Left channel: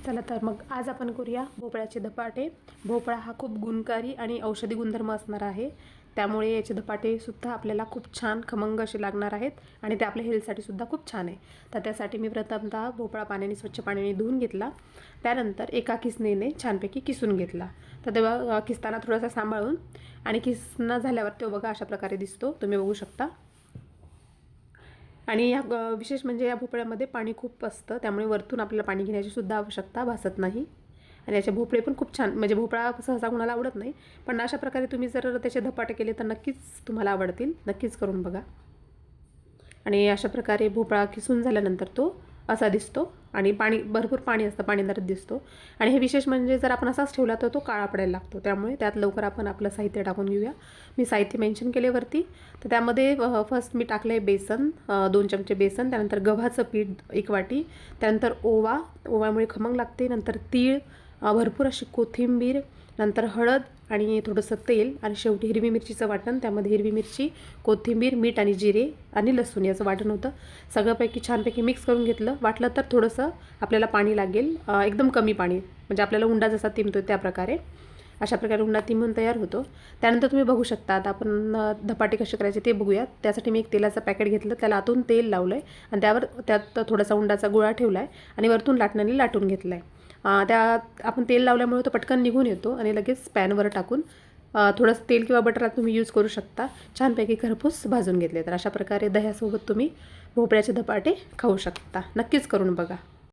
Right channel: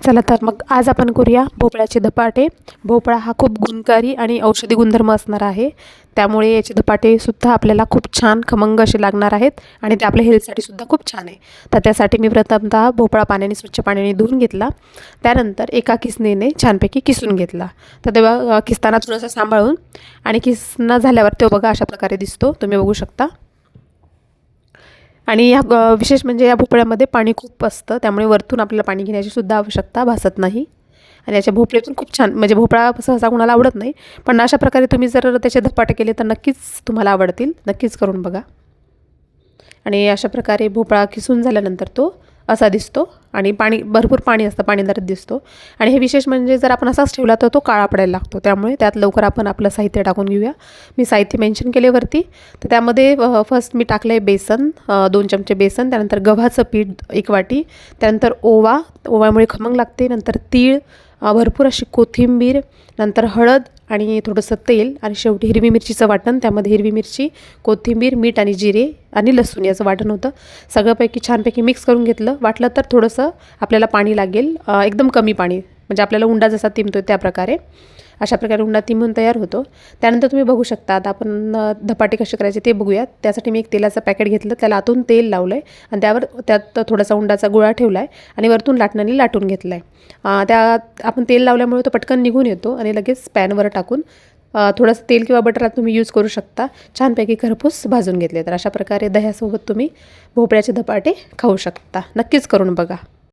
चला तर मग आज आपण करूया भोपळ्याचे धपाटे. भोपळा हा खूप गुणकारी आणि औषधी गुणधर्म असणार आहे, त्यामुळे याचे धपाटेसुद्धा आपल्याला खूप छान खमंग असे लागणार आहेत आणि ते आपल्या हेल्थसाठी सुद्धा खूप छान आहे. तर त्यासाठी मी प्रथमतः भोपळा स्वच्छ पाण्याने धुवून घेतला. त्यानंतर एका किसणीने छानपैकी किसून घेतला. तर तेव्हा किसताना थोडंसं सांभाळून आणि किसणं झाल्यावर तो बघा अशा प्रकारे दिसतो, तुम्ही बघू शकता. आणि विशेष म्हणजे या भोपळ्यामध्ये पाणी खूप असतं, त्यामुळे वरतून आपल्याला पाणी घेण्याची सुद्धा आवश्यकता भासत नाही. आणि याचे भोपळे पण खूप छान, म्हणजे भोपळा सहसा कोणाला आवडत नाही, पण अशा प्रकारे तुम्ही जर त्याचे धपाटे केले तर नक्कीच तुम्हाला आवडतील. नक्कीच करून बघा. आणि अशा प्रकारे भोपळा किसून झाल्यानंतर तो असा दिसतो आणि भरपूर पाणी असतं, पाणीदार दिसतो. आणि हे विशेष म्हणजे जर आपण असाच ठेवला तर तो काळा पडायला लागतो, त्यामुळे त्यात लवकर आपण आपलं साहित्य टाकून घेऊया. मी साहित्य मेन्शन केले वरती. तर त्यामध्ये फर्स्ट मी टाकलं आहे बेसन, 2 चमचे बेसन, त्यानंतर गव्हाचं पीठ 1 वाटी, त्यानंतर ओव्यामुळे खमंग लागते, नंतर तीळ, भरपूर अशी कोथिंबीर, नंतर हळद आणि थोडंसं तेल, आणि शेवटी हिरवी मिरचीचं वाटण. त्यामध्ये हिरवी मिरची, कोथिंबीर, मीठ आणि जिरे आणि लसूण याचं वाटण होतं. सगळंपैकी छानपैकी मिक्स करून घेतलं. वाटलं तर थोडंसं आपल्याला पाणी लागेल, एकदम कमी पाणी, म्हणजे आपल्याला उंडा जसा तिंबतो त्या प्रकारे. अशा प्रकारे उंडा तिंबून तयार होतो. त्यानंतर तुम्ही बघू शकता, आता आपण धपाटे कसे करायचे ते बघूयात. त्यासाठी मी एक तेलाचं पॅकेट घेतलं, त्याला आतून तेल लावलं आहे आणि त्यात थोडासा उंडाचा गोळा ठेवला आहे आणि वरतून लाटणाने लाटून घेतला आहे. आपण तेल लावल्यामुळे तो पटकन निघून येतो आणि लगेच पॅनवर टाकून थोडंसं तेल किंवा बटर तुम्ही यूज करू शकता. छानपैकी खरपूस भाजून घेतले तर अशा प्रकारे दह्यासोबत तुम्ही भोपळ्याचे धपाटे खाऊ शकता. नक्कीच करून बघा.